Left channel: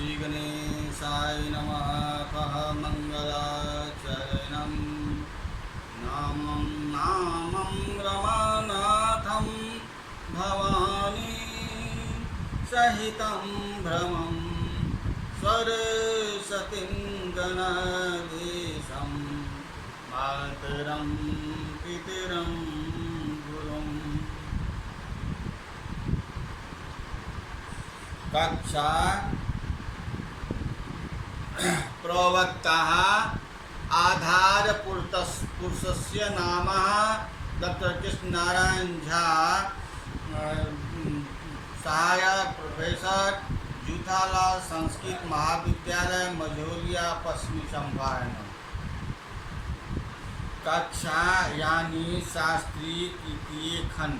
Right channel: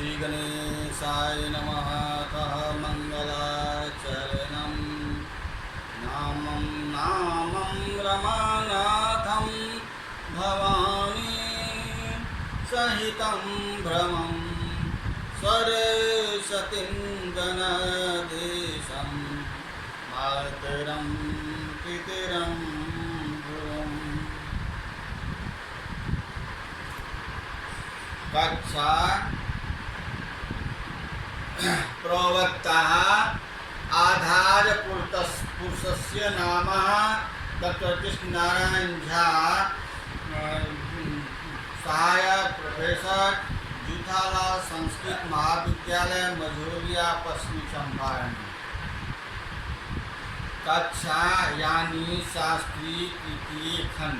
श्री गणेशाय नमः। अथ मंगलाचरणं नामं नामं रमानाथं भवानी सहितं भ्रमं सरस्वतीं गणदेशं मातरं पितरं गुरुम्। कक्षा प्रवक्ता आधार पुरुषस्य नाम डॉक्टर कृष्ण नारायण झा, सहायक प्रोफेसर, जूथालाल संस्कृत महाविद्यालय, मझौलिया, पश्चिमी चंपारण। कक्षा यानी शास्त्री तृतीय खंड,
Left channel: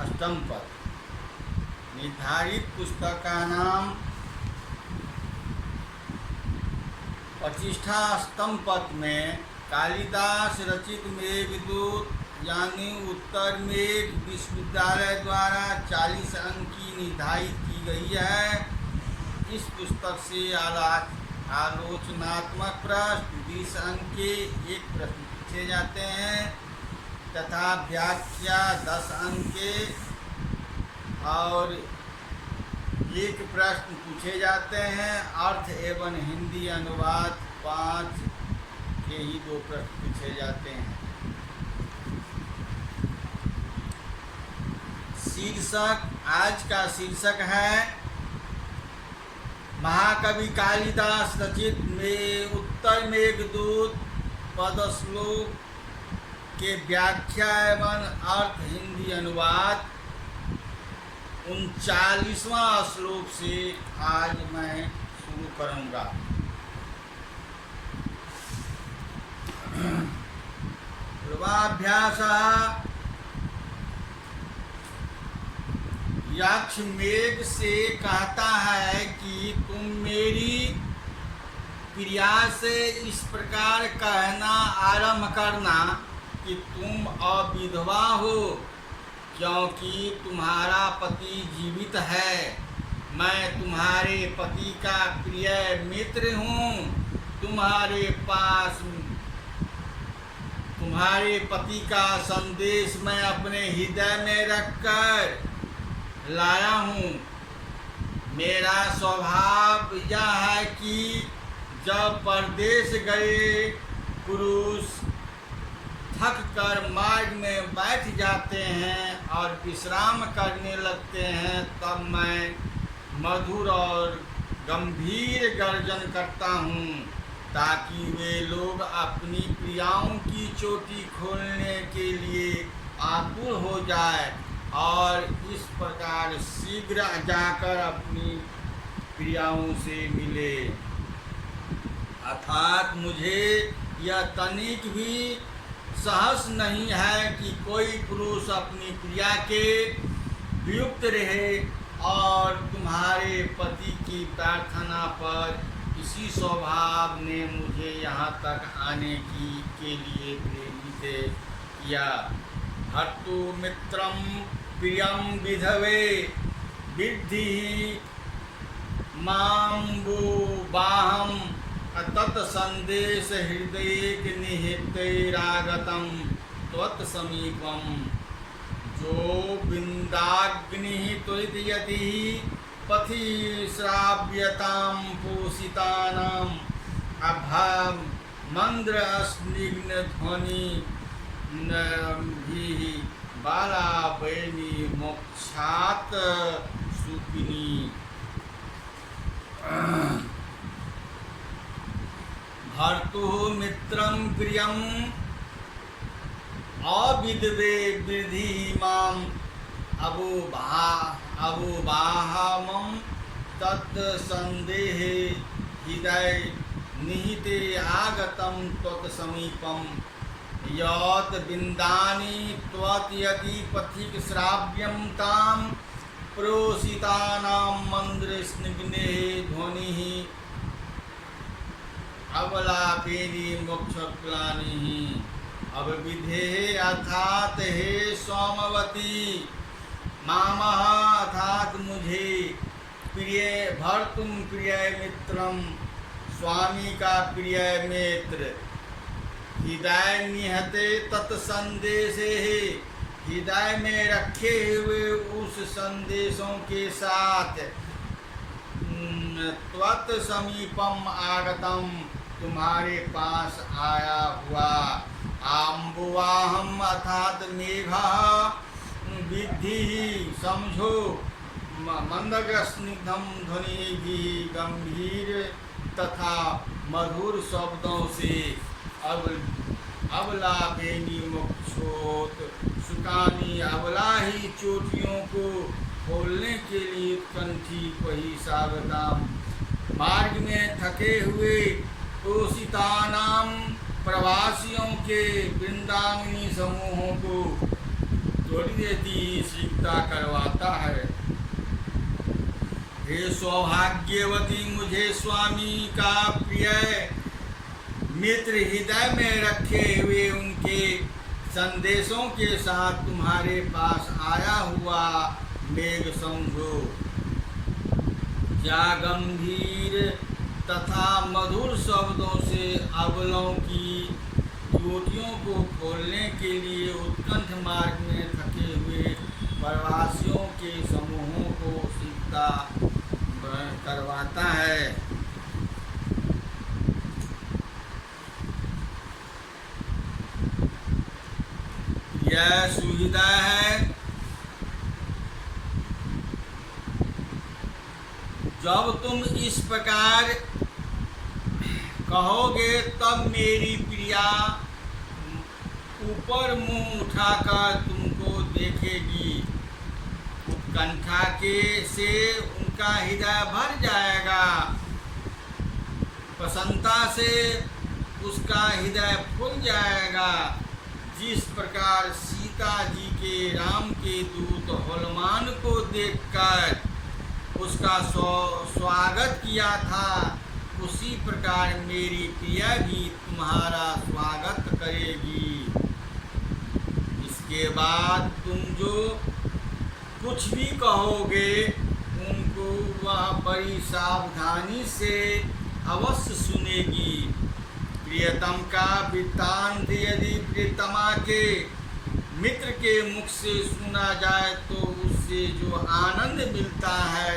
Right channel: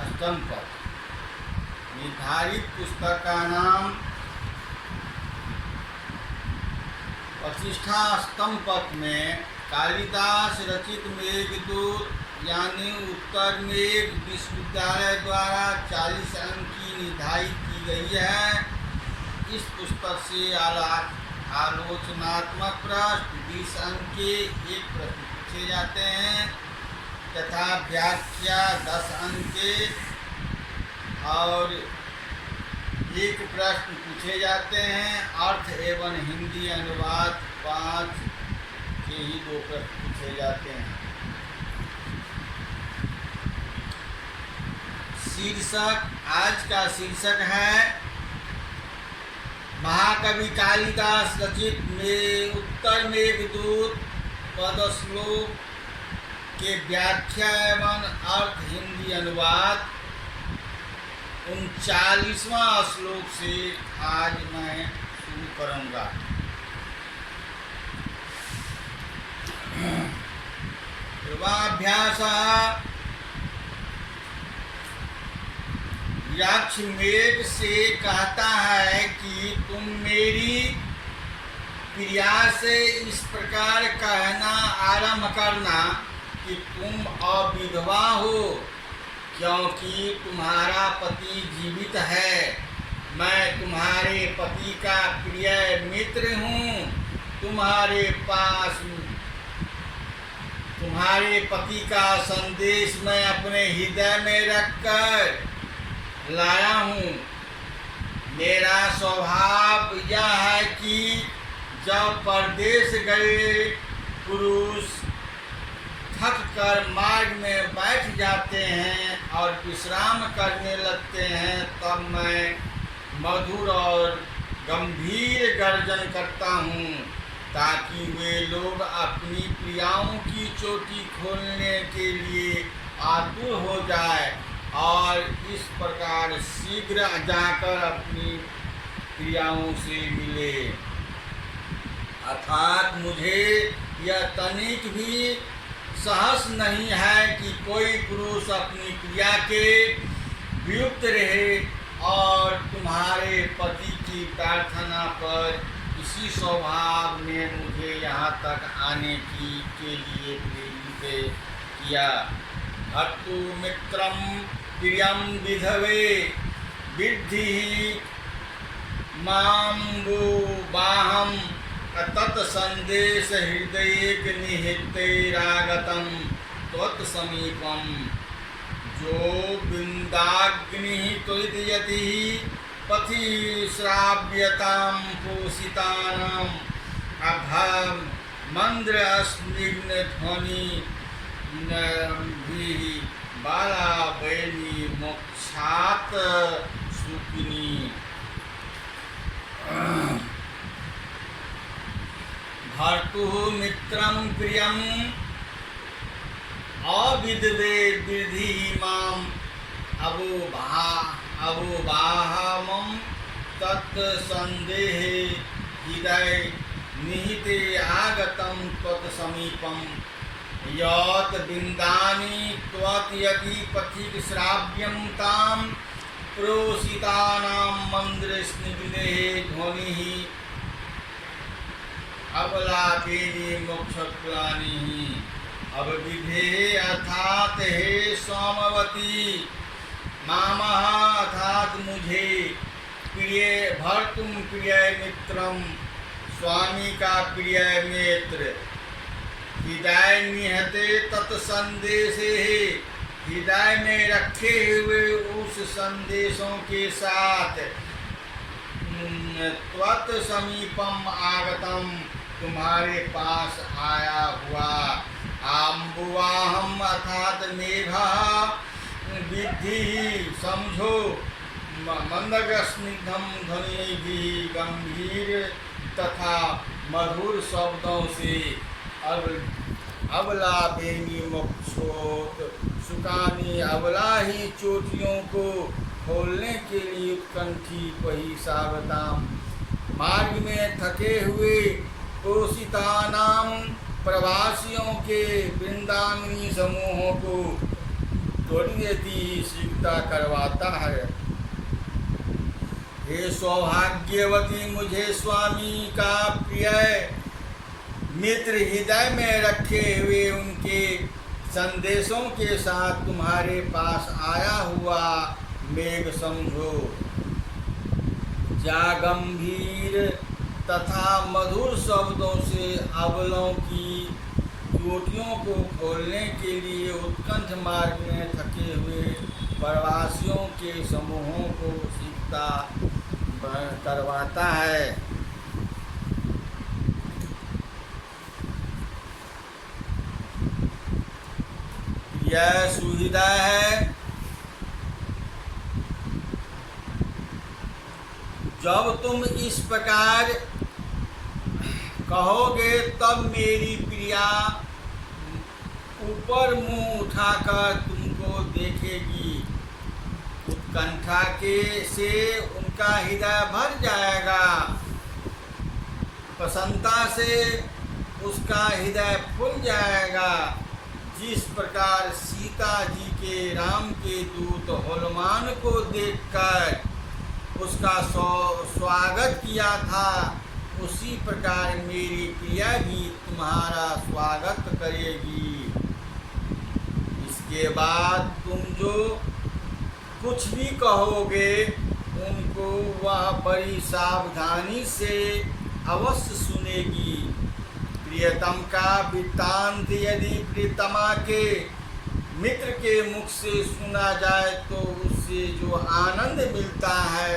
अष्टम पद। निर्धारित पुस्तक का नाम प्रतिष्ठा अष्टम पद में कालिदास रचित मेघदूत यानी उत्तर मेघ विश्वविद्यालय द्वारा 40 अंक की निर्धारित की गई है। इस पुस्तक से आलोचनात्मक प्रश्न 20 अंक के एक प्रश्न पूछे जाते हैं तथा व्याख्या 10 अंक के और एक प्रश्न पूछे जाते हैं। अर्थ एवं हिंदी अनुवाद 5 के ही 2 प्रश्न पूछे जाते हैं। शीर्षक, आज का शीर्षक है महाकवि कालिदास रचित उत्तर मेघदूत पदश्लोक के व्याख्या एवं अर्थ हिंदी अनुवाद। 39वां श्लोक से आज मैं शुरू करूंगा। पूर्वाभ्यास। यक्ष मेघ से कहता है कि तुम मेरी प्रिया से इस प्रकार कहना आरंभ करना कि तुम अविधवा हो, क्योंकि तुम्हारा पति जीवित है। मैं तुम्हारे पति का प्रिय मित्र हूँ। तुम्हारे पास तुम्हारे पति का संदेश मैं अपने हृदय में रखकर लाया हूँ। मेरा स्वभाव यह है कि जब परदेश गए पुरुष थक कर मार्ग में बैठ जाते हैं और विश्राम करने लगते हैं, तब मैं मधुर और गंभीर गर्जन करता हूँ ताकि वे लोग अपनी प्रियाओं की चोटी खोलने के लिए आतुर हो जाए और इस प्रकार शीघ्र जाकर अपनी प्रियाओं से मिले। अर्थात मुझे यह तनिक भी साहस नहीं है कि कोई पुरुष अपनी प्रिया के वियुक्त रहे, और तुम्हारे पति की प्रार्थना पर इसी स्वभाव ने मुझे यहाँ तक आने के लिए प्रेरित किया। भर्तु मित्रम प्रियम विधवे विद्धि माम्बु बाहम तत्संदेश हृदय निहितैरागतम त्वत्समीपम जो बिंदाग्नि त्वरितयति पथि श्राव्यतां पोषितानां अभम मंद्र स्निग्ध ध्वनि नभिः बाला वैनी मोक्षात सुखिनी। भर्तुः मित्रं प्रियं अविधवे विद्धि माम् अवोबाहमं तत्सन्देहे हृदय निहिते आगतं त्वत्समीपं यत् बिन्दानि त्वत्यति पथिक श्राव्यं तां प्रोषितानां मन्द्रस्निग्धे ध्वनिः अवलापेनि मोक्षप्लानिः। अवविधे अर्थात हे सोमवती, मामः अर्थात मुझे, प्रिय भर्तुम प्रिय मित्रम, स्वामी का प्रिय मित्र। हृदय निहते तत्संदेशे, हृदय में रखे हुए उस संदेशों के साथ। त्वत् समीपम आगतम, तुम्हारे पास आया हुआ। आम्बुवाहम अर्थात मेघा, विद्धि समझो, मंदगस्निग्धम ध्वनि भी, गंभीर तथा मधुर शब्दों से। अबला बेनी मोक्षोत सुकानी, अबला ही चोटियों को खोलने के लिए उत्कंठी पही सावधाम। मार्ग में थके हुए पोषितानाम प्रवासियों के वृंदावनी समूहों को थोड़ी देती शीघ्रता करवाता है। हे सौभाग्यवती, मुझे स्वामी का प्रिय मित्र हृदय में रखे हुए उनके संदेशों के साथ तुम्हारे पास आया हुआ मेघ समझो। जा गंभीर तथा मधुर शब्दों से अबलों की चोटियों को खोलने के लिए उत्कंठ मार्ग में थके हुए प्रवासियों के समूहों को शीघ्रता करवाता है। यह सुविधा है। जब तुम इस प्रकार कहोगे तब मेरी प्रिया ऊपर मुंह उठाकर तुमको देखेगी। उत्कंठा के से उनका हृदय भर जाएगा, प्रसन्नता से उसका हृदय फूल जाएगा। जिस प्रकार सीता जी के राम के दूत हनुमान को देखकर उसका स्वागत किया था, उसी प्रकार मेरी प्रिया भी तुम्हारा स्वागत करेगी। इसके बाद तुम जो कुछ भी कहोगे उनको वह बड़ी सावधानी से अवश्य सुनेगी। प्रियतम का वृत्तांत यदि प्रियतमा के मित्र के मुख से सुना जाए तो उससे जो आनंद मिलता है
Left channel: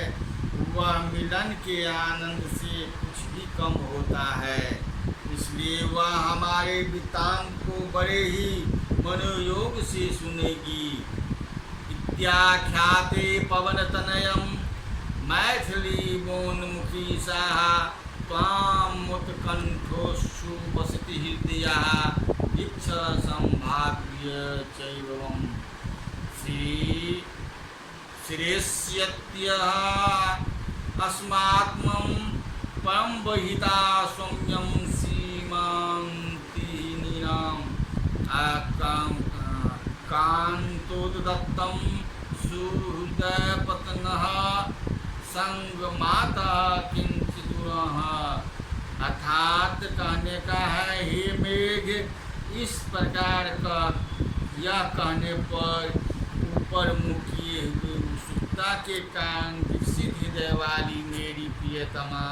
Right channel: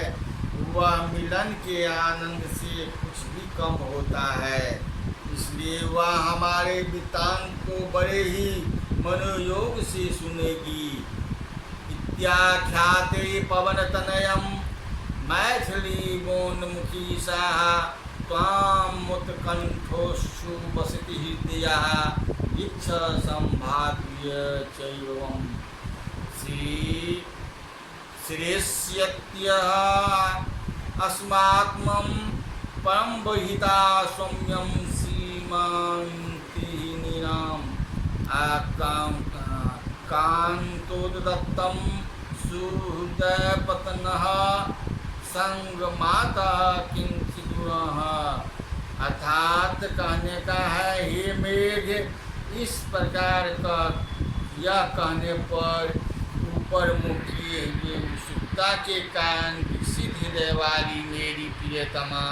वह मिलन के आनंद से कुछ भी कम होता है। इसलिए वह हमारे वृत्तांत को बड़े ही मनोयोग से सुनेगी। इत्याख्याते पवनतनयम मैथिली मोन्मुखी साहा त्वाम उत्कंठोषु वसति हृदयः इच्छ संभाव्य चैवम। श्रेष्यत्यः अस्मात्मं परम बहिता सौम्यं सीमान्तिहीनाम् कान्तोदत्तं सुहृदयपतनः संगमाता किंचिदूरः। अर्थात कहने का है, हे मेघ, इस प्रकार का यह कहने पर ऊपर मुख किए हुए उत्सुकता के कारण विकसित हृदय वाली मेरी प्रियतमा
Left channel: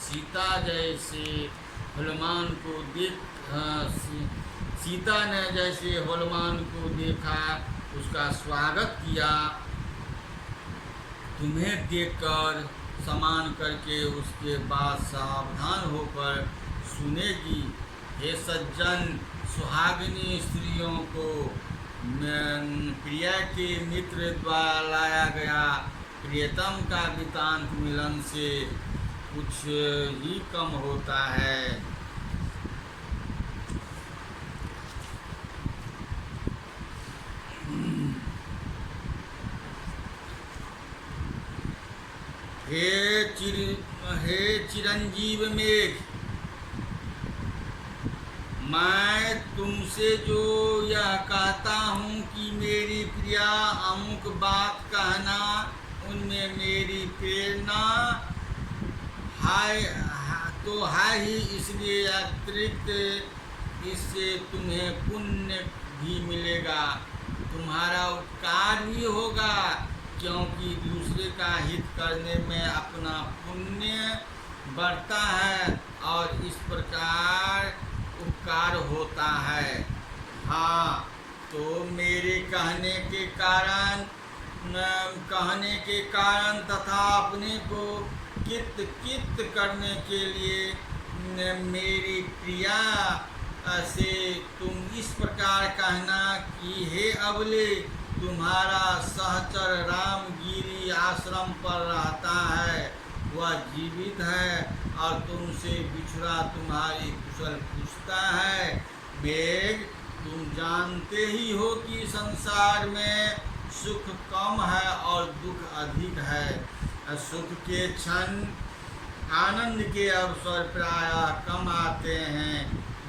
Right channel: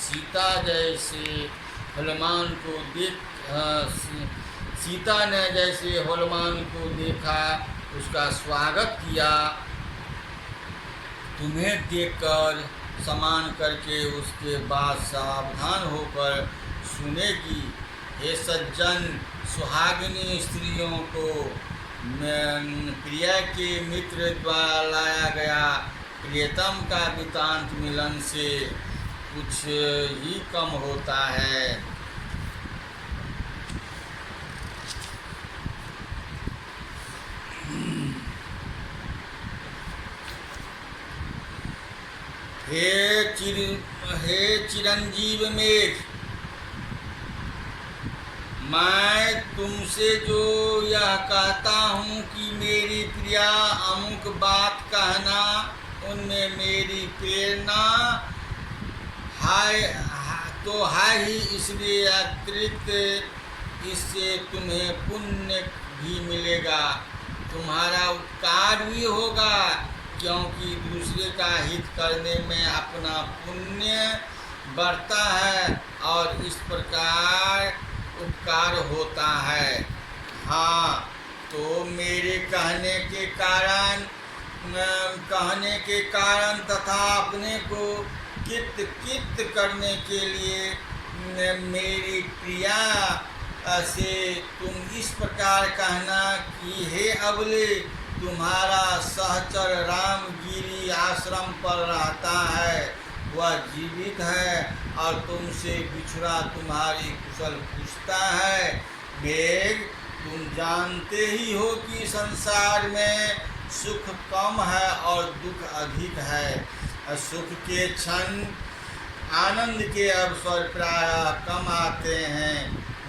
सीता जैसे हनुमान को सीता ने जैसे हनुमान को देखा, उसका स्वागत किया, तुम्हें देखकर समान करके उसके बाद सावधान होकर सुनेगी। हे सज्जन, सुहागिनी स्त्रियों को प्रिय के मित्र द्वारा लाया गया प्रियतम का वृत्तांत मिलन से कुछ ही कम होता है। हे चिरंजीव मेघ, मैं तुमसे जो यह कहता हूँ कि मेरी प्रिया अमुक बात कहना, उनमें मेरी प्रेरणा है ही, इसलिए अतिरिक्त इससे तुम्हें पुण्य भी मिलेगा, तुम्हारा उपकार भी होगा, क्योंकि दूसरे का हित करने में अपना पुण्य बढ़ता है और इस प्रकार उपकार होता है। हाँ, तो मेरे कहने के कारण तथा अपने को कित करने के लिए मेरी प्रिया से तुम इस प्रकार कहना कि हे अबले, तुम्हारा सहचर रामगिरी आश्रम पर रहता है, वह जीवित है और तुमसे बिछुड़ा तुम्हारी कुशल पूछता है। मेघ, तुम जानते ही हो कि संसार में सुख कम है और दुख अधिक है। सुख के क्षण, आनंद के अवसर प्रायः कम आते हैं,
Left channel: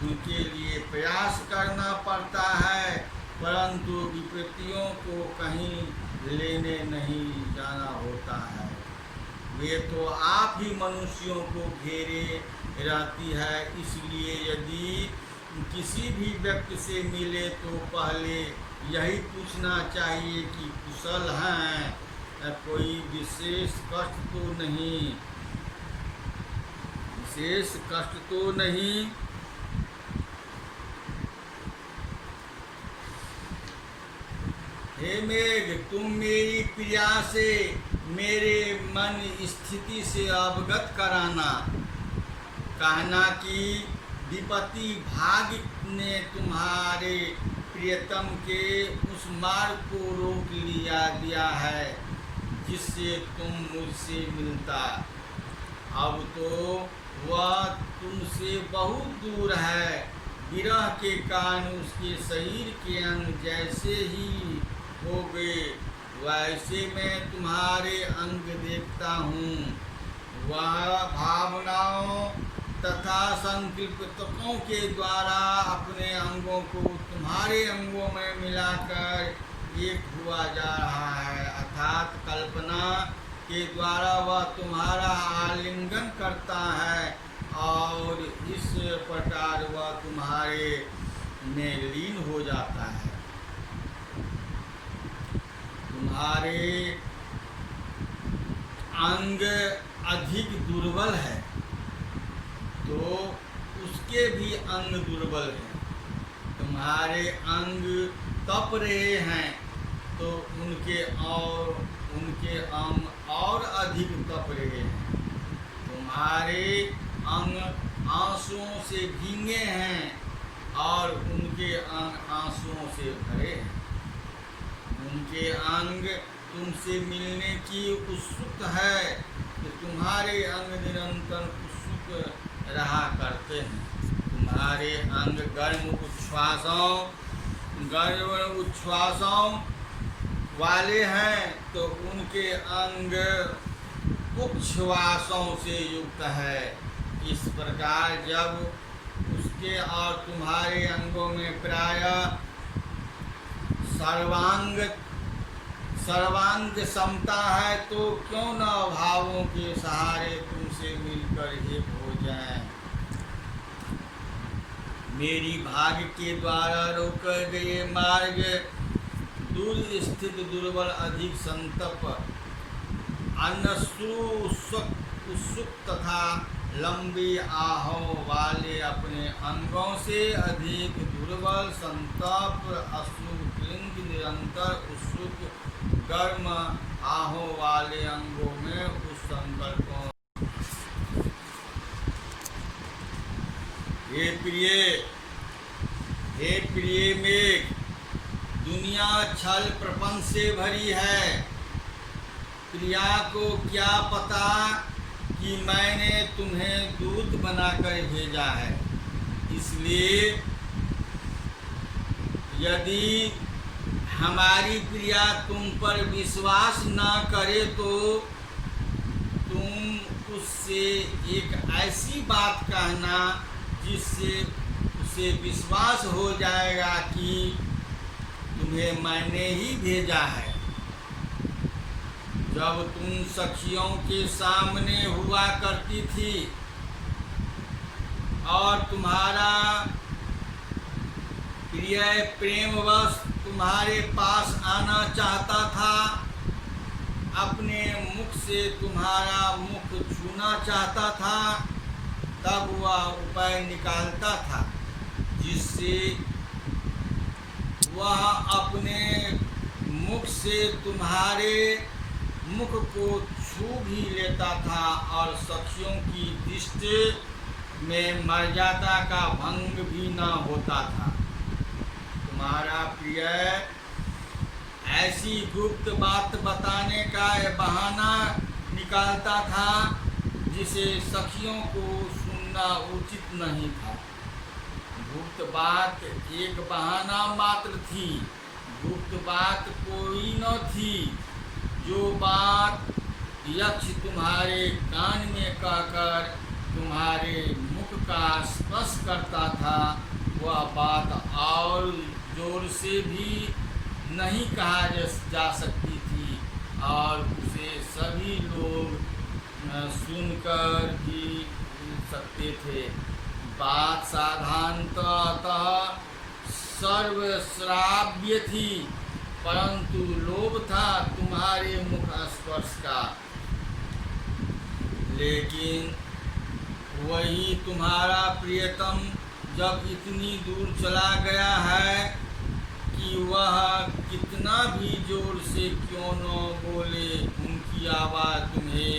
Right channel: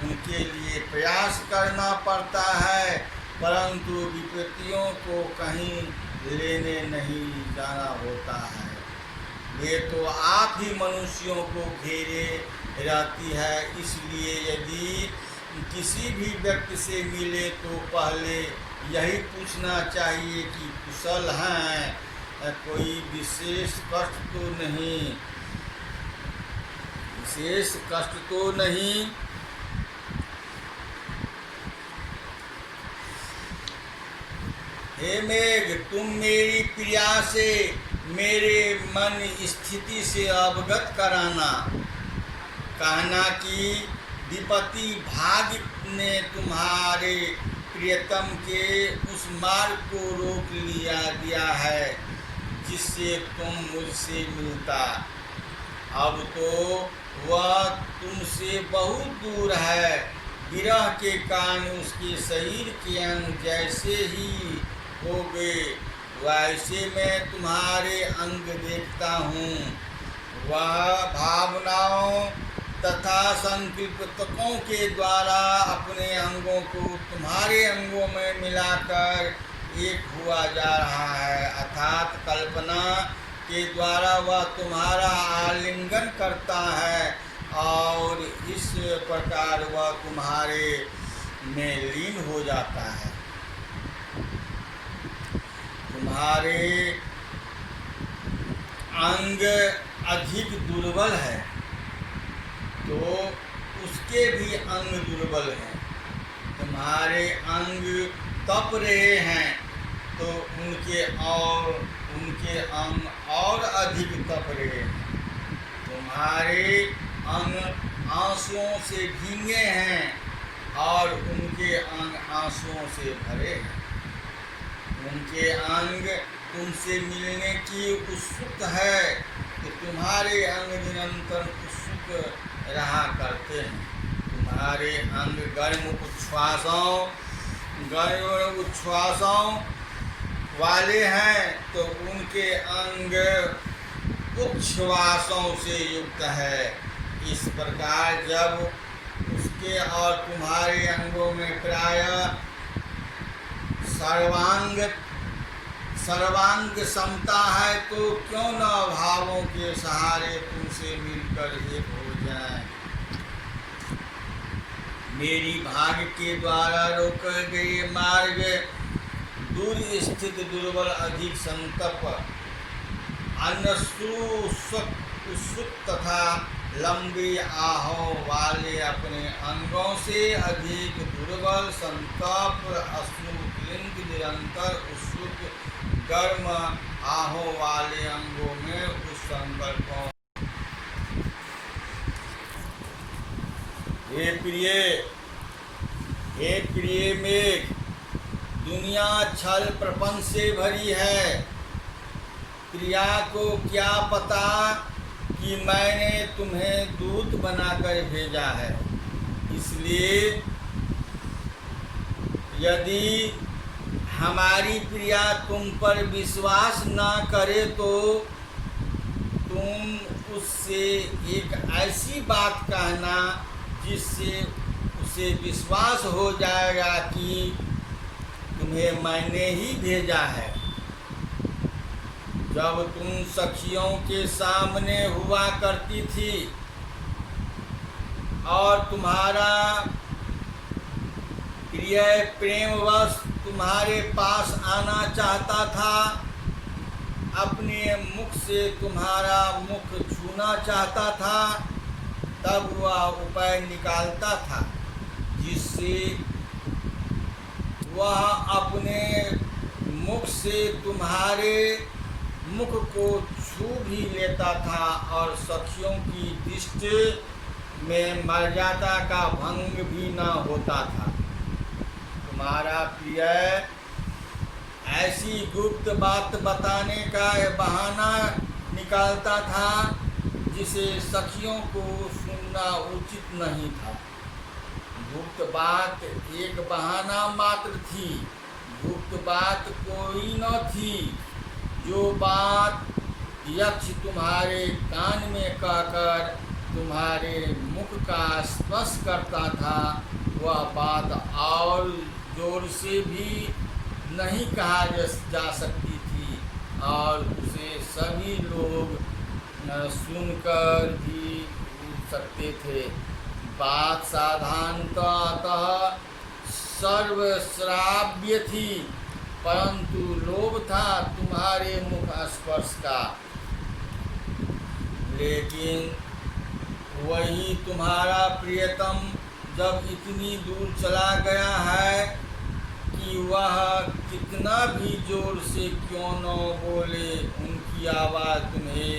उनके लिए प्रयास करना पड़ता है, परंतु विपत्तियों को कहीं लेने नहीं जाना होता है। वे तो आप ही मनुष्यों को घेरे रहती है, इसलिए यदि किसी भी व्यक्ति से मिले तो पहले यही पूछना चाहिए कि कुशल हैं, कोई विशेष कष्ट तो नहीं। हे मेघ, तुम मेरी प्रिया से मेरे मन स्थिति से अवगत कराना, कहना कि विपत्ति भाग्य ने तुम्हारे प्रियतम के उस मार्ग को रोक दिया है जिससे तुम मुझसे मिलता। अब तो वह तुमसे बहुत दूर है। विरह के कारण उसके शरीर के अंग जैसे ही हो गए, वैसे मैं तुम्हारे अंग देखता हूँ। वह भावनाओं तथा संकल्पों के द्वारा अपने अंगों को तुम्हारे अंगों में मिलाकर एक हुआ जा रहा है, अर्थात कल्पना के द्वारा वह तुम्हारा आलिंगन करता है और इस प्रकार वह तुम्हारे में लीन हो जाता है। तुम्हारे अंग अधिक दुर्बल है तो उसके भी अंग दुर्बल हैं। तुम्हारे अंग तप रहे हैं तो उनके अंग और अधिक तप रहे हैं। तुम्हारे अंग आंसुओं से भीगे हैं और उनके अंग आंसुओं से भरे हैं। उनके अंग तुमसे मिलने की उत्सुक है कि तुम्हारे अंग निरंतर उत्सुक रहा करते हैं। तुम्हारे अंग गर्म उच्छ्वासों वाले हैं तो उनके अंग उच्छ्वासों से युक्त है। इस प्रकार जब उसके और तुम्हारे अंगों में प्रायः सर्वांग समता है तो क्यों न भावों के सहारे तुमसे मिलकर एक हो जाएं। मेरी भाग्य के द्वारा रोके गए मार्ग दूर स्थित दुर्बल अधिक संतप उत्सुक तथा लंबी आहों वाले अपने अंगों से अधिक दुर्बल संतप अश्रुक्लिंग निरंतर उत्सुक गर्म आहों वाले अंगों में उस संकल्पों। हे प्रिय मेघ, दुनिया छल प्रपंच से भरी है। प्रिया को क्या पता कि मैंने तुम्हें दूत बनाकर भेजा है। इसलिए यदि हमारी प्रिया तुम पर विश्वास न करे तो तुम उससे एक ऐसी बात कहना जिससे उसे विश्वास हो जाएगा कि तुम्हें मैंने ही भेजा है। जब तुम सखियों के सामने हुआ करती थी और तुम्हारा प्रिय प्रेमवश तुम्हारे पास आना चाहता था अपने मुख से तुम्हारा मुख छूना चाहता था, तब वह उपाय निकालता था जिससे वह अपने मुख से तुम्हारे मुख को छू भी लेता था और सखियों की दृष्टि में मर्यादा का भंग भी न होता था। तुम्हारा प्रिय ऐसी गुप्त बात बताने का बहाना निकालता था जिसे सखियों को सुनना उचित नहीं था। गुप्त बात एक बहाना मात्र थी, गुप्त बात कोई न थी। जो बात यक्ष तुम्हारे कान में कहकर तुम्हारे मुख का स्पर्श करता था, वह बात और जोर से भी नहीं कहा जा सकती थी और उसे सभी लोग सुनकर भी सकते थे। बात साधारणतः सर्वश्राव्य थी, परंतु लोभ था तुम्हारे मुख स्पर्श का। लेकिन वही तुम्हारा प्रियतम जब इतनी दूर चला गया है कि वह कितना भी जोर से क्यों न बोले, उनकी आवाज़ तुम्हें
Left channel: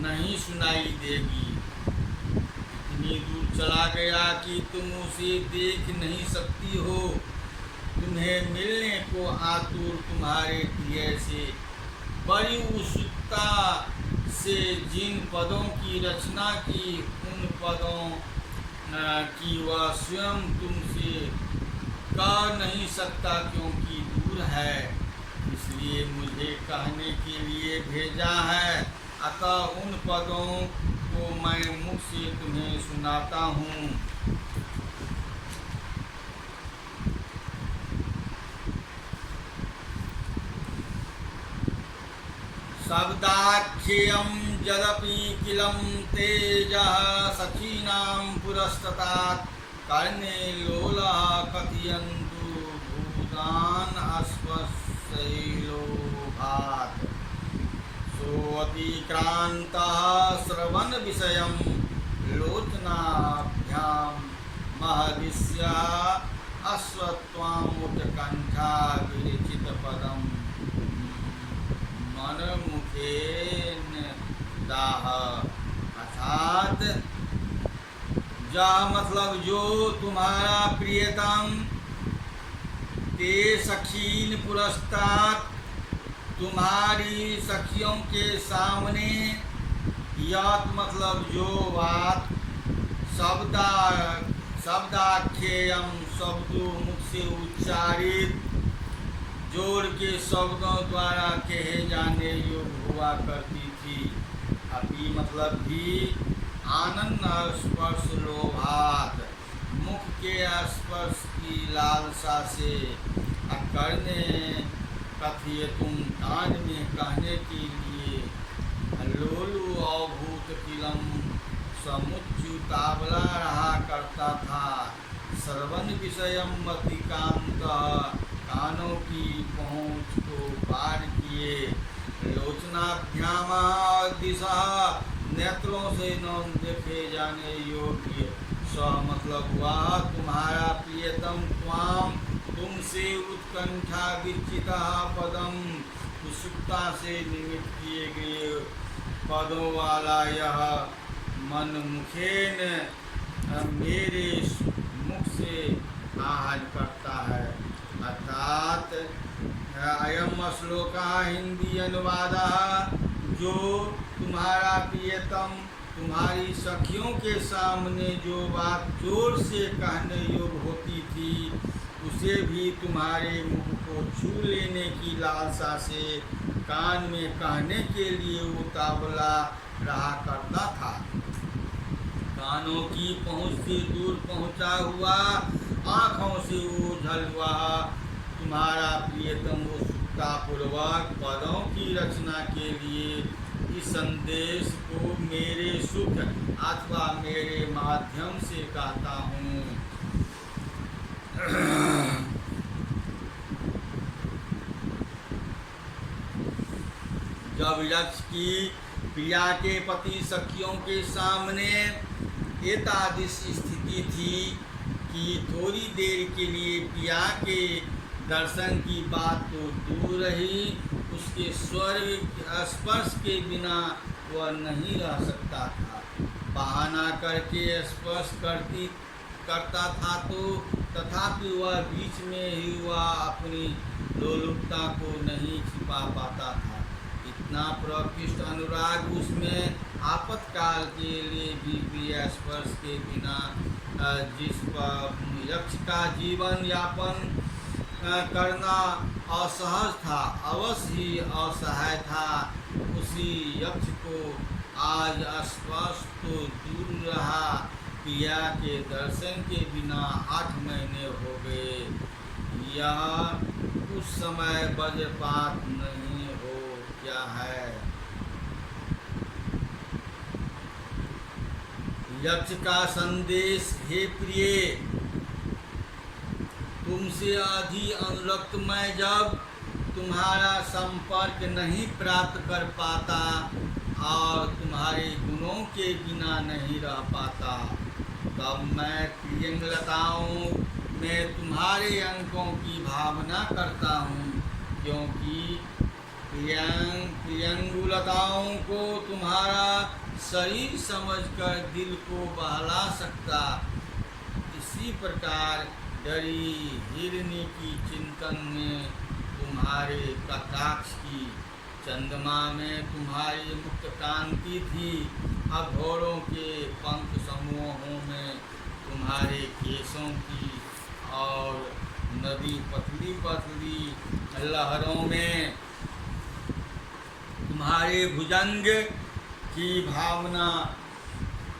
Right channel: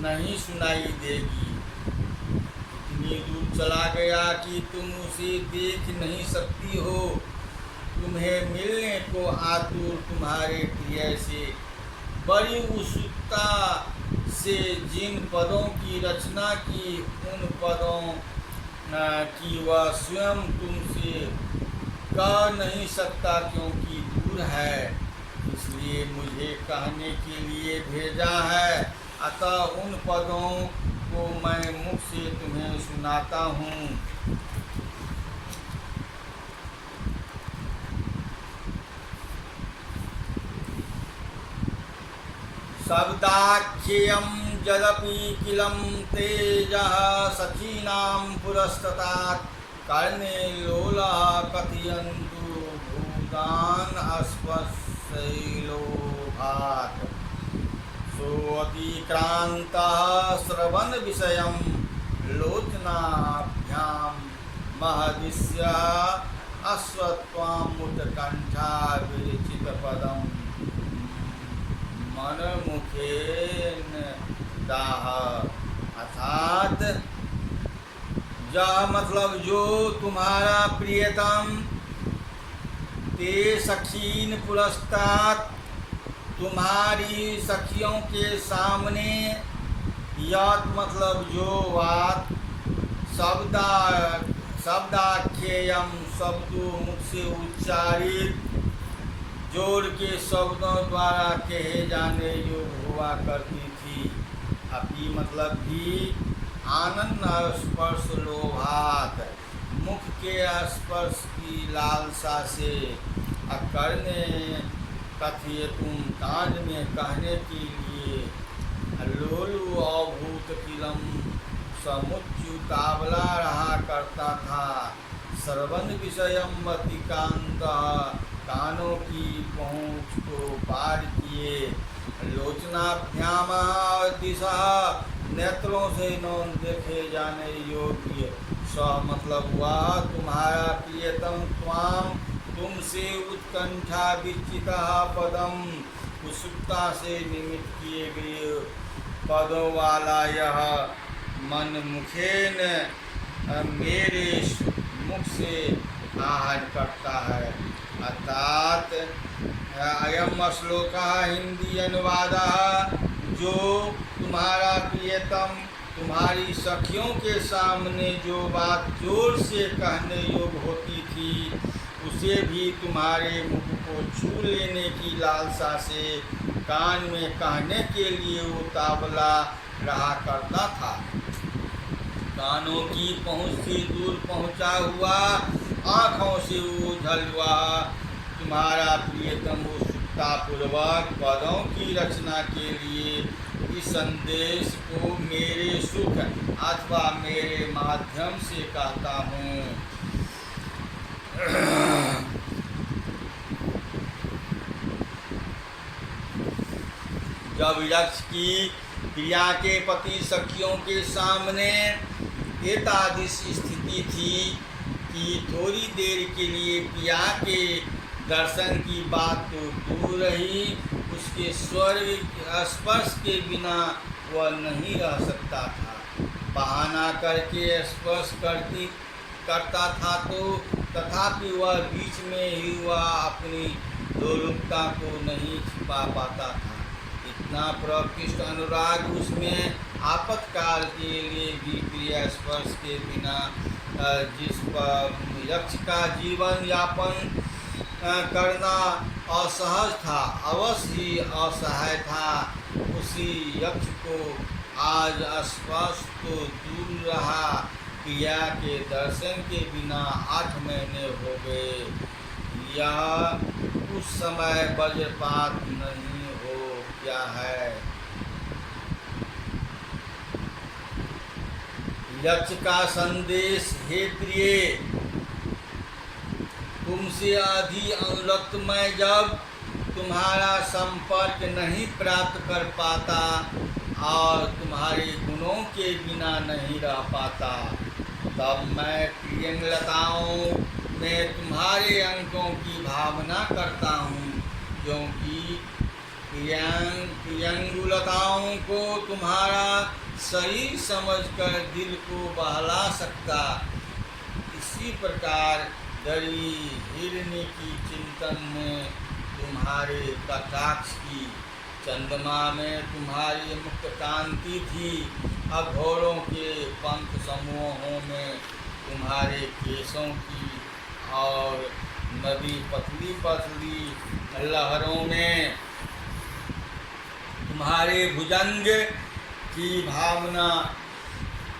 नहीं सुनाई देगी। इतनी दूर चला गया कि तुम उसे देख नहीं सकती हो। तुम्हें मिलने को आतुर तुम्हारे प्रिय से बड़ी उत्सुकता से जिन पदों की रचना की, उन पदों की वह स्वयं तुमसे कह नहीं सकता क्योंकि दूर है, इसलिए मुझे कहने के लिए भेजा है। अतः उन पदों को मैं मुख से तुम्हें सुनाता हूँ। शब्दाख्येयं यदपि किलं तेजः सखीनां पुरस्ततात् कर्णे लोलः कथयन्तु भूतान् अस्पश्यैलोभात् सोऽतिक्रान्तः श्रवणविषयं लोचनाभ्यां महदिष्यः अश्वत्थामुत्कण्ठा विरचितपदं मनमुखेन दाह। अर्थात मतलब जो तुम्हारा प्रियतम ते सखीन पुरस्तात, तुम्हारी सखियों के सामने, यात मतलब जो बात, शब्दाख्येयम शब्दों मुख से उच्चारित जोड़ के शब्दों द्वारा कहे जाने योग्य हुआ करती थी। अभी मतलब भी आनंद स्पर्श लोभात, मुख के स्पर्श की लालसा से, अकरने कथिय तुम कान में कहने के लिए, लोलु अभूत किलम समुच्युतावला रहा करता था। श्रवण विषयम अतिकांत, कानों की पहुँच को पार किए। लोचनाभ्याम दिशा, नेत्रों से न देखे जाने योग्य। स मतलब वह तुम्हारा प्रियतम त्वाम, तुमसे उत्कंठा विचिता पदम, उत्सुकता से निमित्त किए गए पदों वाला यह मन मुखेन मेरे मुख से आहन करता है। अर्थात अयम श्लोक हिंदी अनुवाद, जो तुम्हारा प्रियतम तुम्हारी सखियों के सामने जो बात जोर से कहने योग्य होती थी, उसे भी तुम्हारे मुख को छू लेने की लालसा से कान में कहने के लिए उतावला रहा करता था। कानों की पहुँच से दूर पहुँचा हुआ, आँखों से ओझल हुआ तुम्हारा प्रियतम उत्सुकतापूर्वक पदों की रचना के लिए इस संदेश को मेरे सुख अथवा मेरे माध्यम से कहता हूँ। जब यक्ष की प्रिया के पति सखियों के सामने एतादृश स्थिति थी कि थोड़ी देर के लिए प्रिया के दर्शन की बात तो दूर रही, उसके स्वर्ग स्पर्श के बिना वह नहीं रह सकता था। बहाना करके स्पर्श करता था तो तथापि वह बीच में ही वह अपनी लोलुपता को नहीं छिपा पाता था। इतना प्रकृष्ट अनुराग उसमें आपातकाल के लिए भी प्रिय स्पर्श के बिना जिस पर यक्ष का जीवन यापन करना असहज था, अवश्य ही असहाय था, उसी यक्ष को आज स्पर्श तो दूर रहा, प्रिया के दर्शन के बिना 8 महीने हो गए। यह उस समय वज्रपात नहीं हो क्या है। यक्ष का संदेश, हे प्रिय, तुमसे अधिक अनुरक्त मैं जब तुम्हारा संपर्क नहीं प्राप्त कर पाता और तुम्हारे गुणों के बिना नहीं रह पाता, तब मैं प्रियंगलताओं में तुम्हारे अंकों की भावना करता हूँ, क्योंकि प्रियंगुलताओं को तुम्हारा शरीर समझकर दिल को बहला सकता। इसी प्रकार डरी हिरनी की चिंतन में तुम्हारे कटाक्ष की, चंद्रमा में तुम्हारी मुक्त कांति थी, अब घोड़ों के पंख समूहों में तुम्हारे केशों की, और नदी पतली पतली लहरों में तुम्हारे भुजंग की भावना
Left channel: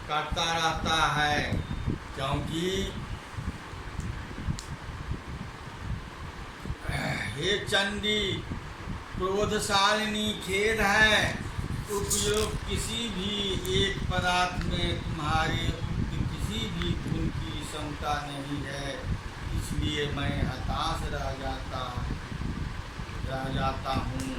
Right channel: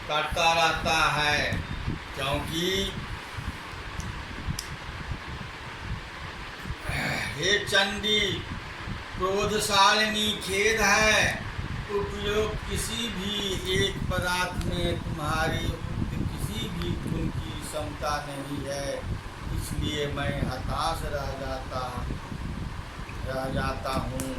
करता रहता है। क्योंकि हे चंडी, क्रोधशालिनी, खेद है, उपयोग किसी भी एक पदार्थ में तुम्हारी उक्त किसी भी गुण की क्षमता नहीं है, इसलिए मैं हताश रह जाता हूँ।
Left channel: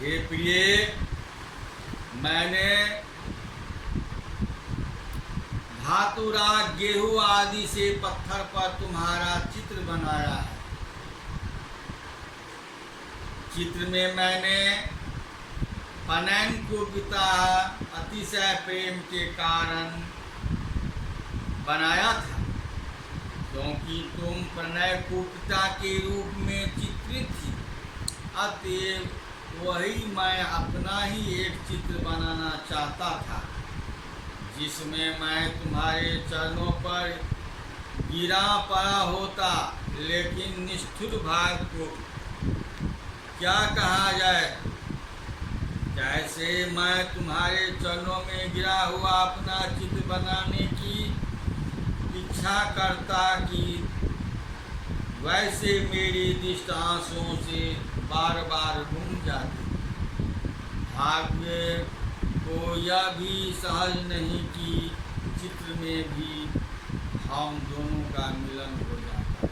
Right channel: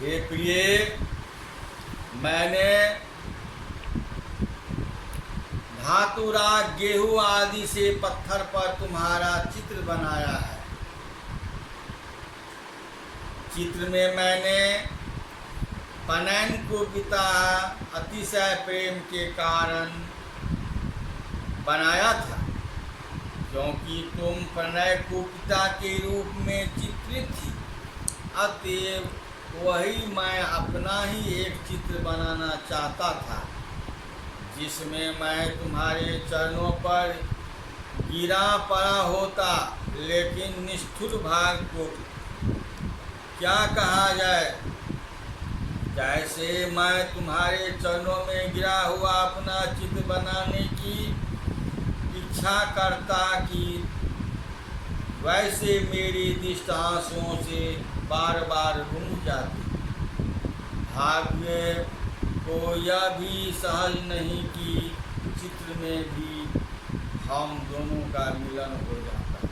हे प्रिय, मैंने धातुराग, गेहूं आदि से पत्थर पर तुम्हारा चित्र बनाया है। चित्र में मैंने पनैन को पिता अतिशय प्रेम के कारण बनाया था, क्योंकि तुम प्रणय को पिता के रूप में चित्रित थी। अतएव वही मैं अपना ही एक चित्र बनाना चाहता था, जिसमें मैं तुम्हारे चरणों पर गिरा पड़ा होता। लेकिन निष्ठुर भाग को क्या कहा जाए, जैसे मैं तुम्हारे चरणों में गिरा हुआ अपना चित्र बनाने की इच्छा करता कि वैसे मेरी दृष्टि आंसुओं से बार बार रूंझ जाती। भाग्य को यह भी सहज नहीं कि चित्र में भी हम दोनों का मिलन हो जाता।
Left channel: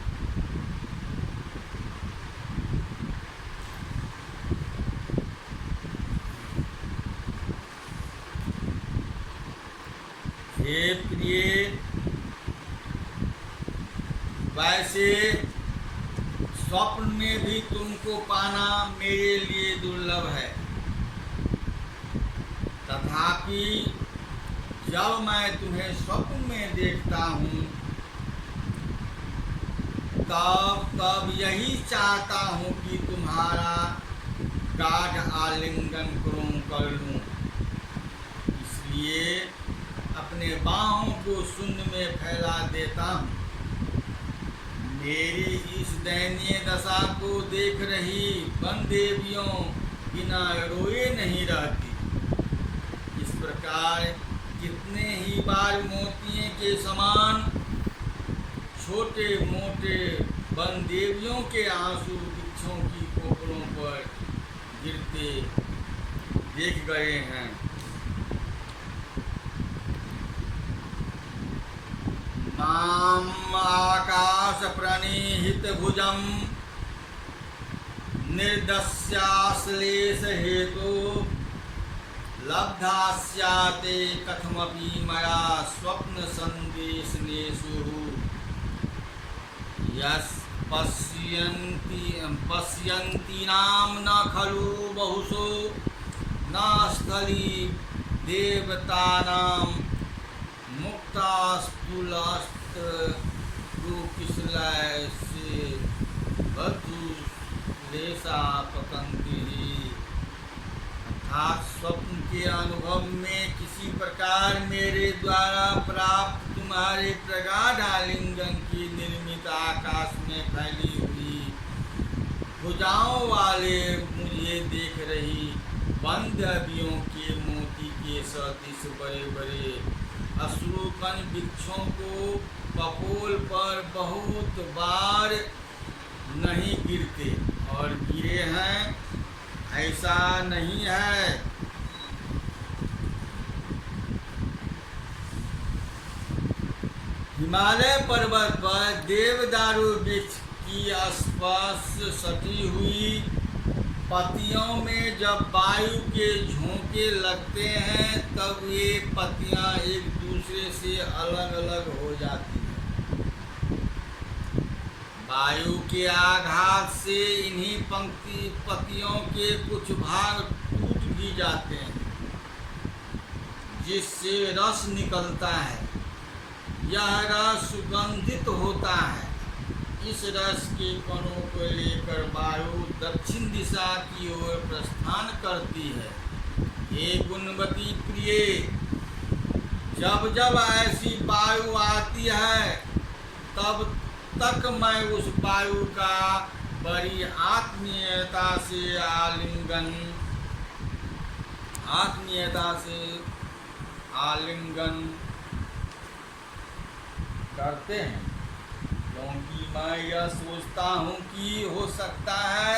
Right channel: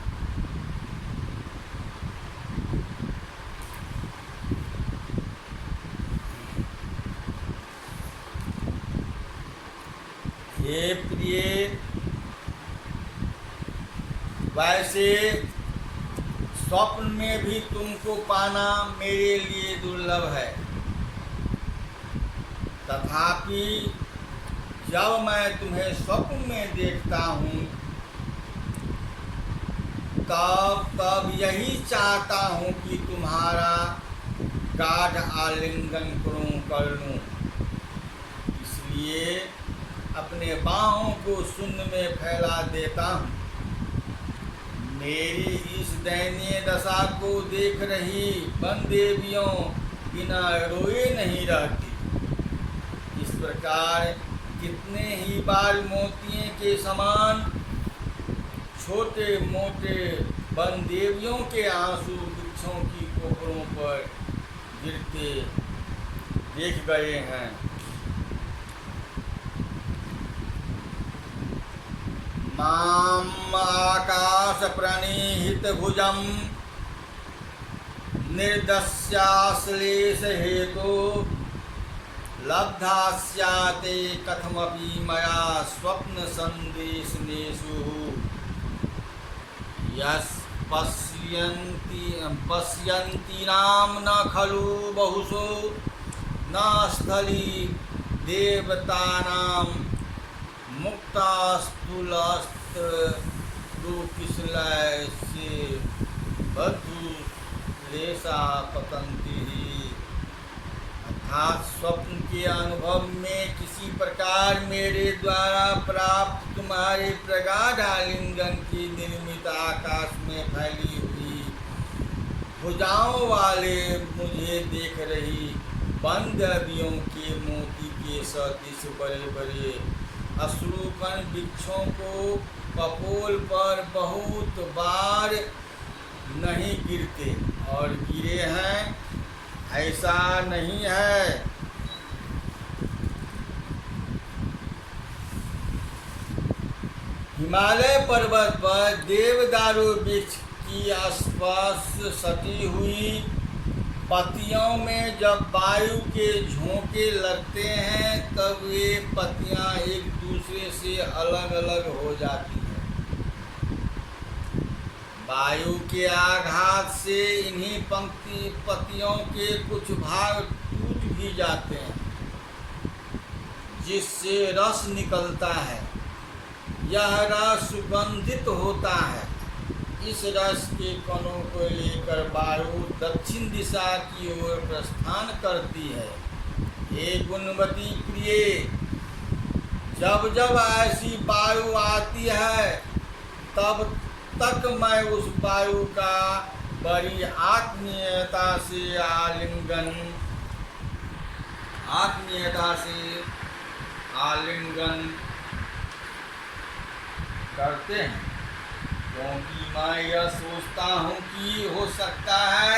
हे प्रिय, वैसे स्वप्न में भी तुमको पाना मेरे लिए दुर्लभ है। तथापि जब मैं तुम्हें स्वप्न में देखता हूँ तब यही चाहता हूँ कि तुम्हारा गाढ़ आलिंगन कर लूँ। इसलिए अपने बाहों को शून्य में फैला देता हूँ। मेरी इस दयनीय दशा को देख रही वन देवियों बिना रोए नहीं रहती। इस प्रकार कितने ही बार मोतिये के समान छोटे मोटे वन देवियों के आंसू वृक्षों की कोपरों पर गिरते देख गए हैं। माम आकाश प्रणीहित भुजम निर्दस्याश्लेष हेतु लब्धास्याते कथमपि मया स्वप्न संदेशनेषु यस् पश्यन्ति नाम न खलु बहुशो न स्थली देवतानां मुक्तास्तुलस्त्रुकिशलय से बद्धुलेशा पतन्ति। अर्थात स्वप्न के अनुभव में किसी प्रकार मेरे द्वारा प्राप्त तुम्हारे प्रगाढ़ आलिंगन की निर्मित आकाश में फैली हुई भुजाओं वाले मुझे देख रही बंद अबियों के मोती के सदृश बड़े बड़े अश्रुकण वृक्षों को कपोल पर बहुत बार नहीं गिरते और गिरे हैं, ऐसा नहीं है। हिमालय पर्वत पर देवदारू वृक्ष की स्पर्श सटी हुई पत्तियों में जब वायु के झोंके लगते हैं तब ये पत्तियां एक दूसरे से अलग अलग हो जाती हैं। वायु के आघात से इन्हीं पत्तियों के कुछ भाग टूट भी जाते हैं जिससे रस निकलता है। यह रस सुगंधित होता है। इस रस के कणों को लेकर वायु दक्षिण दिशा की ओर प्रस्थान करती है। हे गुणवती प्रिय, जब जब ऐसी वायु आती है तब तक मैं उस वायु का बड़ी आत्मीयता से आलिंगन करते हैं, क्योंकि मैं यह सोचता हूँ कि हो सकता है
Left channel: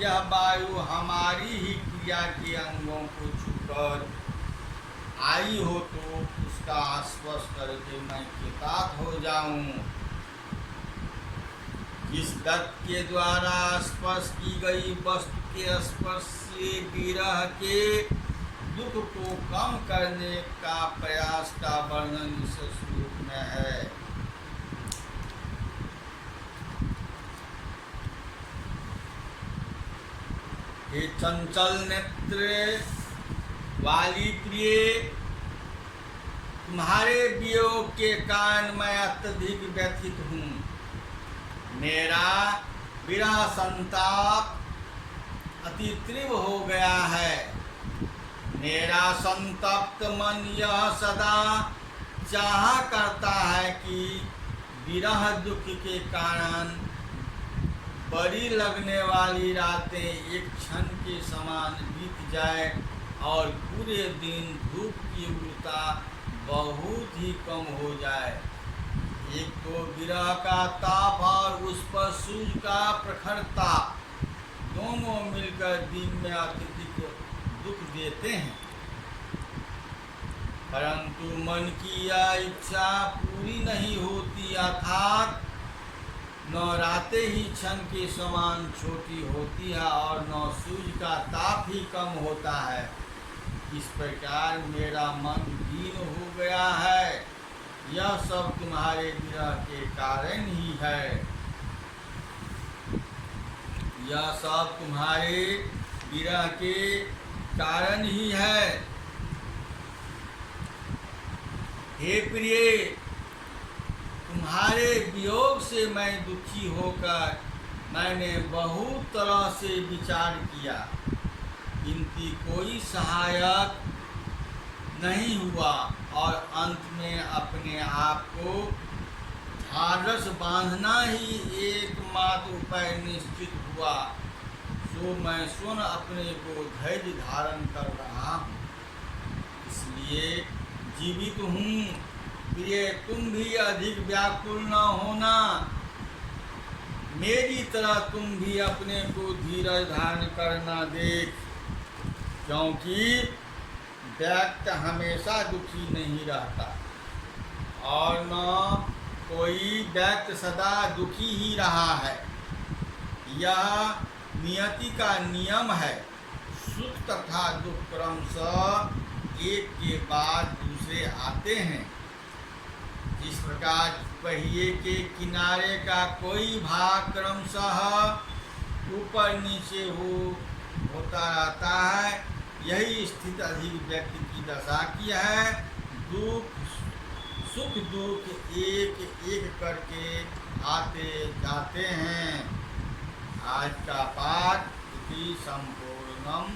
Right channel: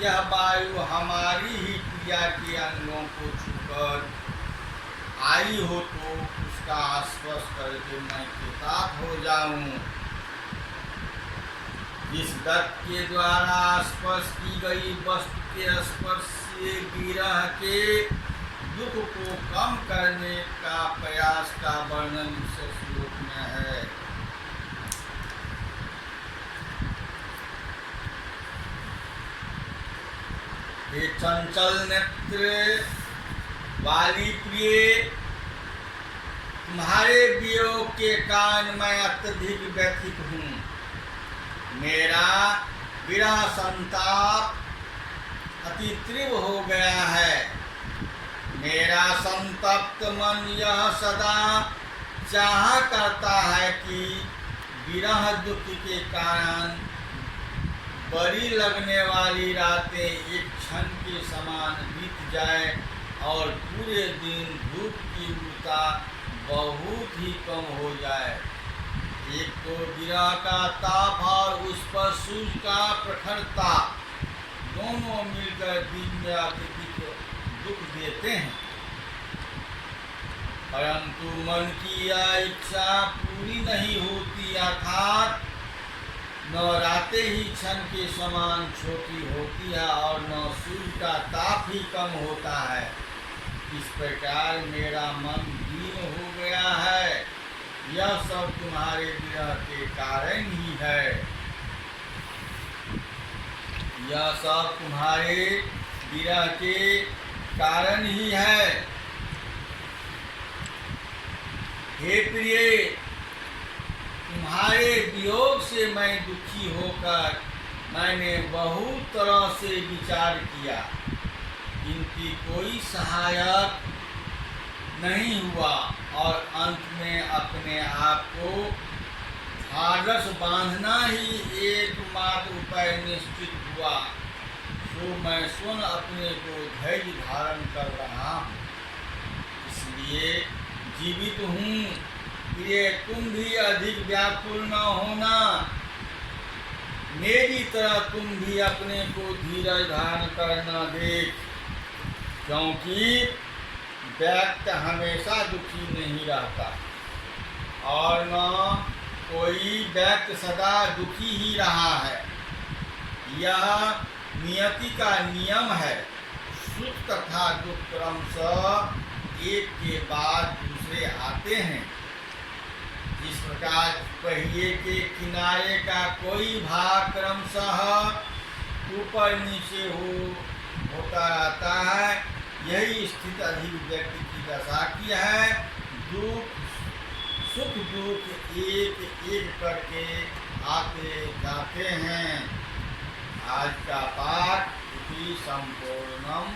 यह वायु हमारी ही क्रिया के अंगों को छूकर आई हो तो उसका स्पर्श करके मैं कृतार्थ हो जाऊँ। इस दत्त के द्वारा स्पर्श की गई वस्तु के स्पर्श से विरह के दुख को कम करने का प्रयास का वर्णन इस श्लोक में है। हे चंचल नेत्र वाली प्रिय, तुम्हारे वियोग के कारण मैं अत्यधिक व्यथित हूँ। मेरा विरह संताप अति तीव्र हो गया है। मेरा संतप्त मन यह सदा चाहा करता है कि विरह दुख के कारण बड़ी लगने वाली रातें एक क्षण के समान बीत जाए और पूरे दिन धूप की उग्रता बहुत ही कम हो जाए। एक तो विरह का ताप और उस पर सूर्य का प्रखर ताप दोनों मिलकर दिन में अत्यधिक दुख देते हैं, परंतु मन की यह इच्छा पूरी नहीं होती। अर्थात न रातें ही क्षण के समान छोटी होती है और न सूर्य का ताप ही कम होता है। इस प्रकार मेरा मन दीन हो गया है। यह सब तुम्हारे विरह के कारण ही है। यह सब तुम्हारे विरह के कारण ही है। हे प्रिय, तुम्हारे वियोग से मैं दुखी होकर मैंने बहुत तरह से विचार किया, किंतु कोई सहायक नहीं हुआ और अंत में अपने आप को ढाढ़स बांधना ही एकमात्र उपाय निश्चित हुआ। तो मैं स्वयं अपने को धैर्य धारण कर रहा हूँ, इसलिए जीवित हूँ। प्रिय, तुम भी अधिक व्याकुल न होना। मेरी तरह तुम भी अपने को धीरज धारण करना देख, क्योंकि व्यक्ति हमेशा दुखी नहीं रहता और न कोई व्यक्ति सदा दुखी ही रहा है। यह नियति का नियम है। सुख तथा दुख क्रमशः एक के बाद दूसरे आते हैं। जिस प्रकार पहिए के किनारे का कोई भाग क्रमशः ऊपर नीचे होता रहता है, यही स्थिति अधिक व्यक्ति की दशा की है। सुख दुख एक एक करके आते जाते हैं। आज का पाठ इति संपूर्णम।